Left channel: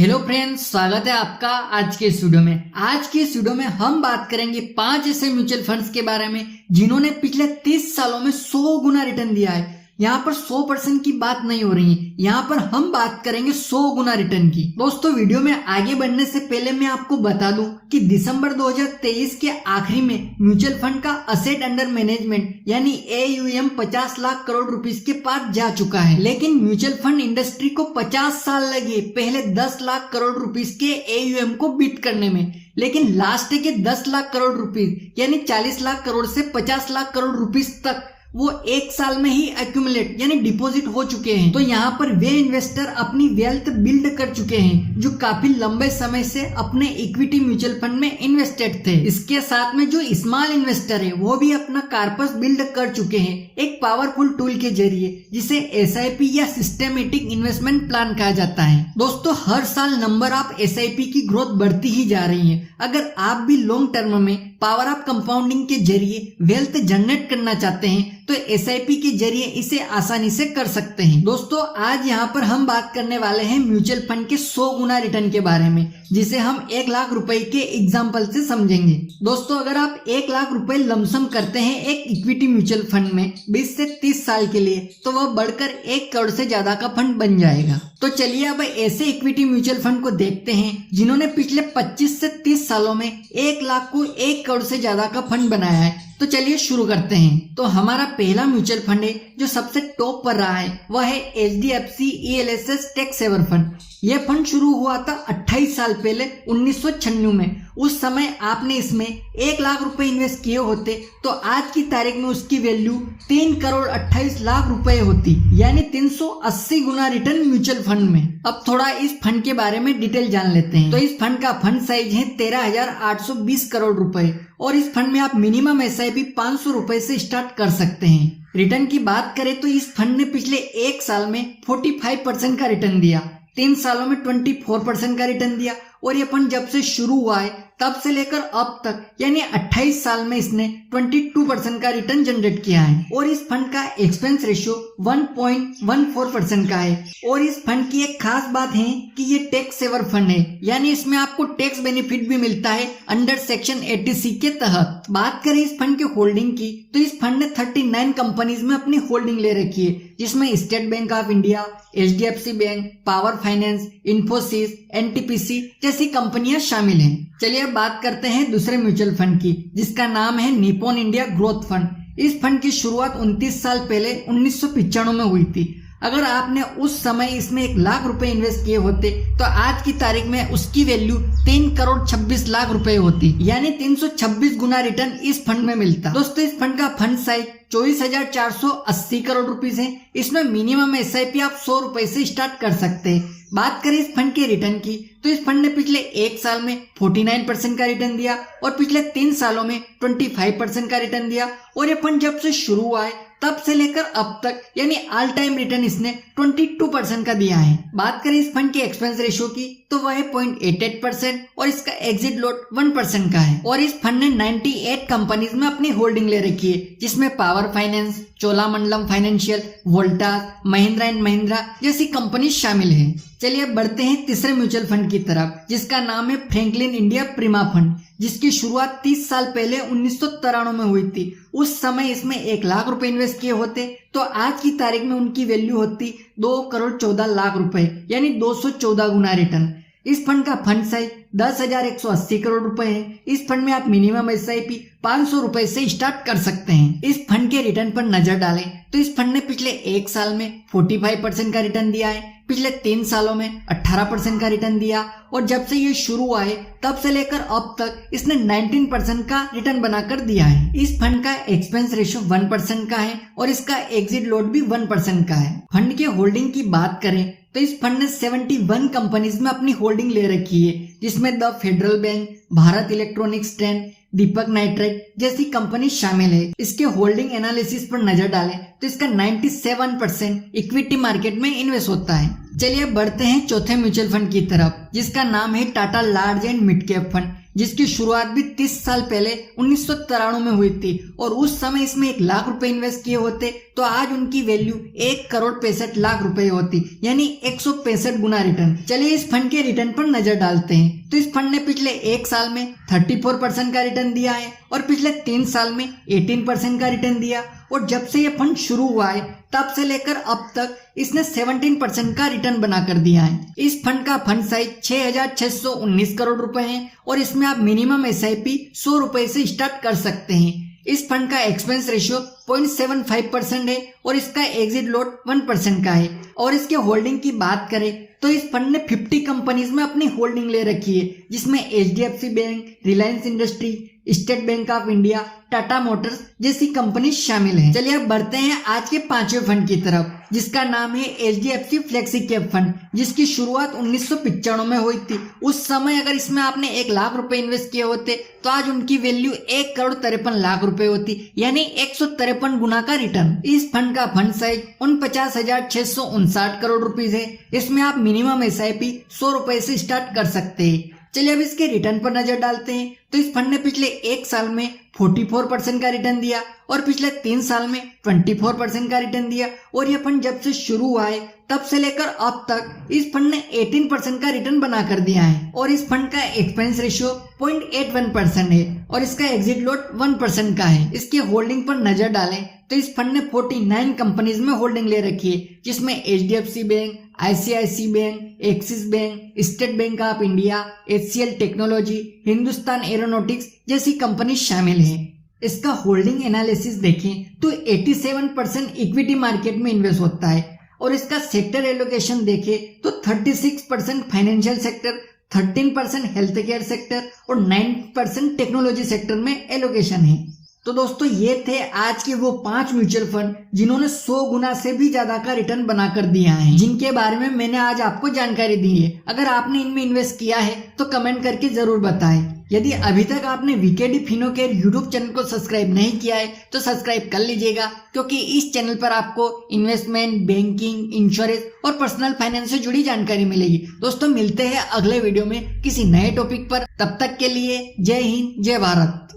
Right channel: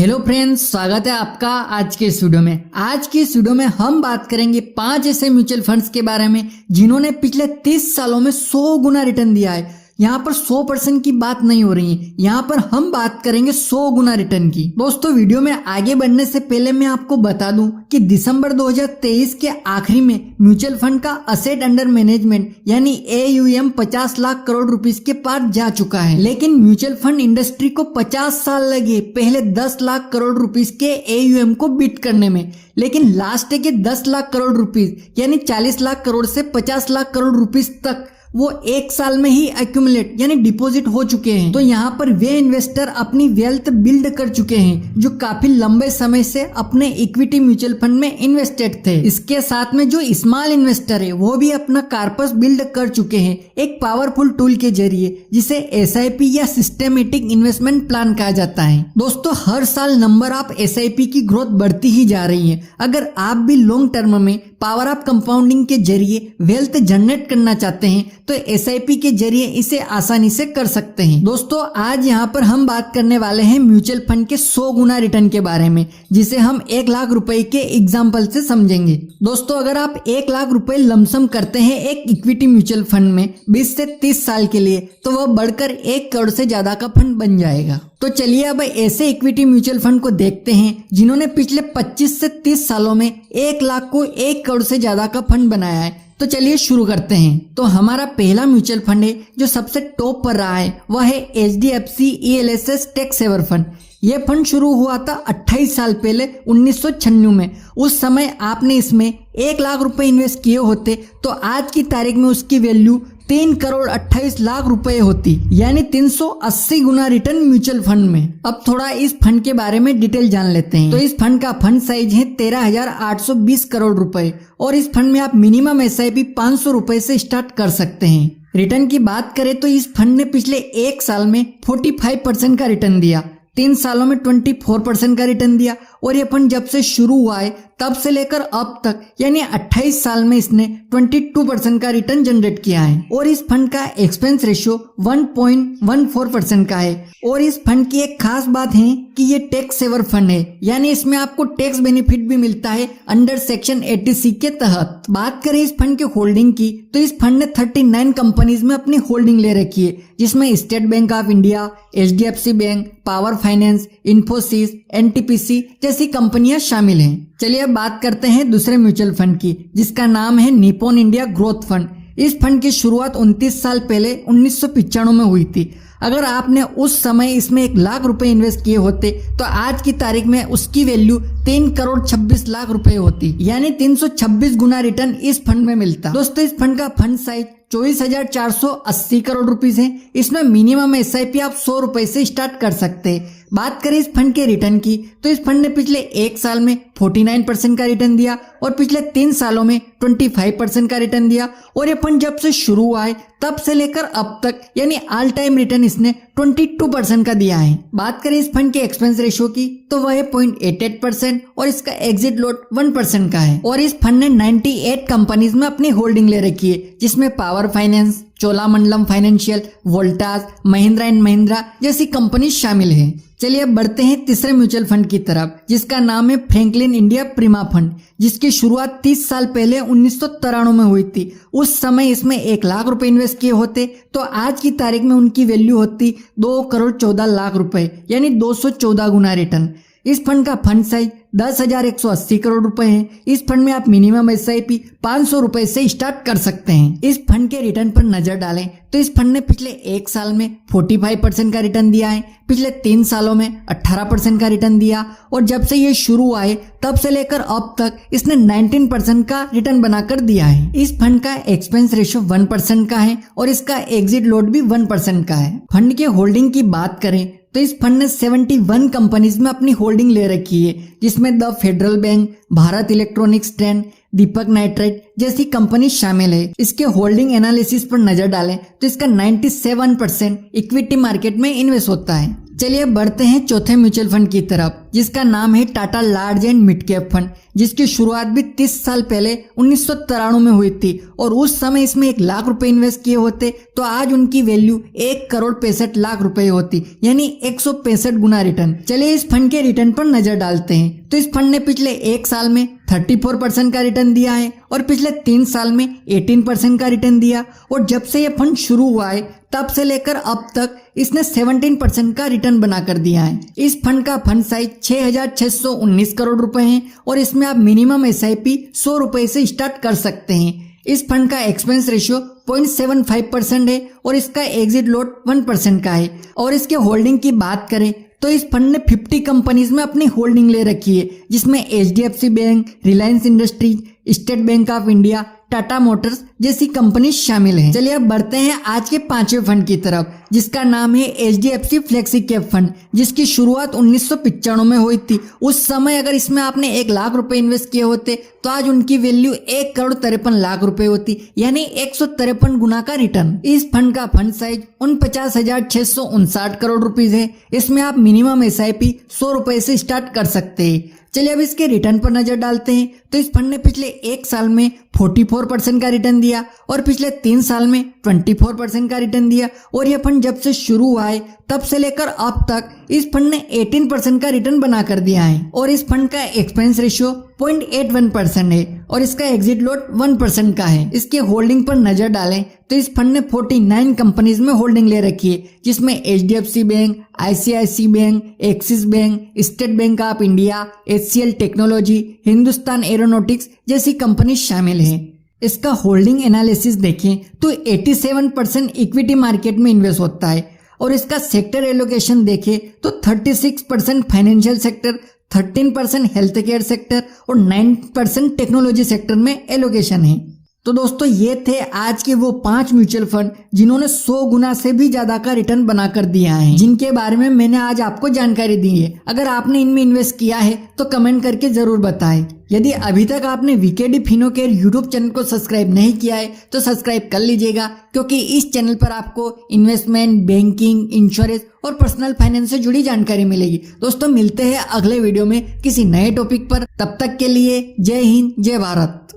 Hello friends, स्वागत है आपका आज के इस वीडियो में। आज की इस वीडियो में हम बात करेंगे 5 ऐसे म्यूचुअल फंड्स के बारे में जिन्होंने पिछले 30 सालों में 100 गुना रिटर्न दिया है। यहाँ पर 100% की बात नहीं हो रही है, यहाँ पर हम बात करेंगे 100 गुना रिटर्न की। दोस्तों, वीडियो में आगे बढ़ने से पहले मैं आपको बता दूं कि दिसंबर 2023 के आखिरी में म्यूचुअल फंड का असेट अंडर मैनेजमेंट यानी AUM 50 लाख करोड़ रुपीस के पार जा चुका है। लेकिन म्यूचुअल फंड इंडस्ट्री को 50 साल लगे पहले 10 लाख करोड़ रुपीस के AUM को बीट करने में। लेकिन लास्ट के 10 लाख करोड़ रुपीस यानी 40 लाख करोड़ से 50 लाख करोड़ रुपीस तक वो एक साल में ही एक्यूमुलेट यानी डिपॉजिट हो चुके हैं। तो यहाँ पर वे इन्वेस्टर अपनी वेल्थ बिल्ड कर चुके हैं जो काफी लंबे समय से अपने इक्विटी म्यूचुअल फंड में इन्वेस्टेड थे। इसके साथ में जो स्मॉल इन्वेस्टर है वो भी अपना कॉर्पस बिल्ड कर चुके हैं एक पावरफुल टूल के जरिए जिसे SIP या सिस्टमेटिक इन्वेस्टमेंट प्लान कहा जाता है। दोस्तों, हर साल नंबर ऑफ SIP की ग्रोथ बढ़ती ही जा रही है। अगर आप भी लॉन्ग टर्म में पावर ऑफ कंपाउंडिंग के जरिए वेल्थ जनरेट करना चाहते हैं तो SIP के जरिए इसे आसानी से कर सकते हैं। दोस्तों, आज यहाँ पर हम बात करने वाले हैं म्यूचुअल फंड के 100 गुना रिटर्न के बारे में, जिसे हम 1 लाख रुपए के एग्जाम्पल से समझेंगे। दोस्तों, अगर आप 1 लाख रुपए लमसम करते हैं एक इक्विटी म्यूचुअल फंड में 20 से 30 साल के लिए, तो वह बढ़कर 1 करोड़ से ज्यादा का फंड बन जाएगा। तो चलिए अब ऐसे इक्विटी म्यूचुअल फंड को देखते हैं जिन्होंने पिछले 25 से 30 सालों में 1 लाख को 1 करोड़ से ज्यादा का फंड बनाया है। तो चलिए शुरू करते हैं। तो हमारा पहला म्यूचुअल फंड है जो सबसे टॉप पर रहा है, वह है HDFC ELSS tax saver fund. यह फंड शुरू हुआ था 28 साल पहले 1996 में। उस समय आपने इसमें 1 लाख रुपए इन्वेस्ट किए होते तो आज की तारीख में उसकी वैल्यू 3 करोड़ 28 लाख रुपए होती, यानी 380 गुना रिटर्न म्यूचुअल फंड में। अब थोड़ा इस फंड के बारे में डिटेल जान लेते हैं। तो इस फंड का फंड साइज है 13,820 करोड़ रुपए और इस फंड में आप मिनिमम SIP 500 रुपए से स्टार्ट कर सकते हैं। रिटर्न की बात करें तो इस फंड ने पिछले 1 साल में 45% का रिटर्न दिया, 3 सालों में 24% का रिटर्न दिया और ये फंड जब से शुरू हुआ है तब से लेकर अब तक यानी 28 साल में इसने 22% का रिटर्न जनरेट किया है। और इस फंड का एक्सपेंस रेशियो 1.14% का है। और इस फंड की एक खास बात है कि ये टैक्स सेवर फंड है, यानी इसमें आपको टैक्स बेनिफिट भी मिलता है अंडर सेक्शन 80C के तहत। बात करें इस फंड के होल्डिंग की तो इस फंड ने 39 कंपनीज में अपनी होल्डिंग ले रखी है, जिसमें state bank of India, HDFC bank, power finance, Infosys, NTPC जैसी कंपनियां शामिल हैं। चलिए अब बात करते हैं दूसरे म्यूचुअल फंड की, जिसका नाम है निप्पॉन इंडिया ग्रोथ फंड। इस फंड की शुरुआत 29 साल पहले 1995 में हुई थी। अगर आपने उस समय इसमें 1 लाख रुपए इन्वेस्ट किए होते तो आज की तारीख में उसकी वैल्यू 3 करोड़ 26 लाख रुपए होती, यानी 326 गुना रिटर्न इस फंड में मिलता। दोस्तों, इस फंड का फंड साइज 24,480 करोड़ रुपीस है। इसमें मिनिमम SIP आप 100 रुपए से स्टार्ट कर सकते हैं। बात करें इस फंड के रिटर्न की तो इस फंड ने पिछले 1 साल में 49% का रिटर्न दिया और पिछले 3 सालों में 25% का रिटर्न दिया। और ये फंड जब से शुरू हुआ है तब से लेकर अब तक यानी ऑल टाइम रिटर्न इसने 22% का दिया है। बात करें इस फंड के एक्सपेंस रेशियो की तो वह है 0.88% और इसका एग्जिट लोड 1% का है। और इस फंड ने 98 कंपनीज में अपनी होल्डिंग ले रखी है, जिसमें power finance, Cholamandalam financial, Voltas, Mahindra and Mahindra जैसी कंपनी शामिल है। चलिए अब बढ़ते हैं तीसरे म्यूचुअल फंड की तरफ, जिसका नाम है फ्रैंकलिन इंडिया प्रीमा फंड, जिसकी शुरुआत 30 साल पहले 1993 में हुई थी। उस समय इसमें 1 लाख रुपए इन्वेस्ट किए होते तो आज की तारीख में उनकी वैल्यू होती 2 करोड़ 14 लाख रुपए, यानी 214 गुना रिटर्न। इस फंड का फंड साइज 10,180 करोड़ रुपए है। इस फंड में आप मिनिमम SIP 500 रुपए से स्टार्ट कर सकते हैं। इस फंड के रिटर्न पर नजर डालें तो इस फंड ने पिछले 1 साल में 45% का रिटर्न दिया है, पिछले 3 सालों में 18% का रिटर्न दिया और जब से ये शुरू हुआ है तब से लेकर अब तक इसने 19% का रिटर्न बनाकर दिया है। इस फंड का एक्सपेंस रेशियो 1% का है और इसका एग्जिट लोड भी 1% का है। फंड के होल्डिंग की बात करें तो इस फंड ने 71 कंपनीज में अपनी होल्डिंग ले रखी है, जिसमें the federal bank, Bharat electronics trend, Deepak nitrite जैसी कंपनी शामिल है। इसके होल्डिंग एनालिसिस पर नजर डालें तो इसका 97% इक्विटी मार्केट में इन्वेस्ट होता है। चलिए बढ़ते हैं चौथे म्यूचुअल फंड की तरफ, जिसका नाम है Tata large and mid cap fund, जिसकी शुरुआत भी 30 साल पहले 1993 में हुई थी और उस समय इसमें 1 लाख रुपए इन्वेस्ट किए होते तो आज उनकी वैल्यू 1,65,00,000 रुपए होती, यानी 165 गुना रिटर्न। चलिए इस फंड के रिटर्न पर नजर डालते हैं। तो इस फंड ने पिछले 1 साल में 34% का रिटर्न दिया है और पिछले 3 साल में 18% का रिटर्न दिया, और जब से ये फंड शुरू हुआ है तब से लेकर अब तक इसने 17% का रिटर्न बनाकर दिया है। इस फंड का फंड साइज 6,619 करोड़ रुपए है और इसमें आप मिनिमम SIP 100 रुपए से स्टार्ट कर सकते हैं। इस फंड का एक्सपेंस रेशियो 0.75% है और इसका एग्जिट लोड 1% का है। और इसके होल्डिंग की बात करें तो इस फंड ने 50 कंपनीज में अपनी होल्डिंग ले रखी है, जिसमें HDFC bank, Reliance industries, state bank of India, Tata Motors जैसी कंपनी शामिल हैं। चलिए अब बढ़ते हैं आज के 5वें फंड की तरफ, जिसका नाम है HDFC फ्लेक्सी कैप फंड, जिसकी शुरुआत 1995 में हुई थी। उस समय अगर इसमें आपने 1 लाख रुपए इन्वेस्ट किए होते तो आज उनकी वैल्यू 1,53,00,000 रुपए होती, यानी 153 गुना का रिटर्न। इस फंड का फंड साइज 49,659 करोड़ रुपीज है। इसमें आप मिनिमम SIP 100 रुपए से स्टार्ट कर सकते हैं। चलिए अब इसके रिटर्न पर नजर डालते हैं। तो इस फंड ने पिछले 1 साल में 44% का रिटर्न दिया और पिछले 3 साल में 24% का रिटर्न दिया, और यह फंड जब से शुरू हुआ है तब से लेकर अब तक इस फंड ने 18% का रिटर्न बना कर दिया है। और इस फंड का एक्सपेंस रेशियो 0.81% है और इसका एग्जिट लोड 1% का है। इसके होल्डिंग पर नजर डालें तो इस फंड ने 49 कंपनीज में होल्डिंग ले रखी है, जिसमें HDFC bank, ICICI bank, axis bank, state bank of India, HCL technology, Hindustan aeronautics जैसी कंपनी शामिल हैं। इसका होल्डिंग एनालिसिस देखें तो 87% इक्विटी मार्केट में इन्वेस्ट होता है और इसका सेक्टर एलोकेशन देखें तो 36% financial sector, 13% health care sector और 9% टेक्नोलॉजी सेक्टर में एलोकेशन है। तो दोस्तों ये थे आज के वो 5 म्यूचुअल फंड जिन्होंने 100 गुना से भी ज्यादा का रिटर्न बनाकर दिया है, जिनके बारे में मैंने आज आपको जानकारी दी है। अगर आपने इनमें इन्वेस्ट किया है तो कमेंट करके जरूर बताएं। यदि अभी तक आपने वीकेडी फिनो केयर यूट्यूब चैनल को सब्सक्राइब नहीं किया है तो सब्सक्राइब कर लीजिएगा, क्योंकि इस चैनल पर आपको इन्वेस्टमेंट, बैंकिंग, इंश्योरेंस और पर्सनल फाइनेंस से जुड़ी जानकारी मिलेगी। दोस्तों मिलते हैं अगले वीडियो में किसी नए टॉपिक पर। तब तक के लिए जय हिंद, जय भारत।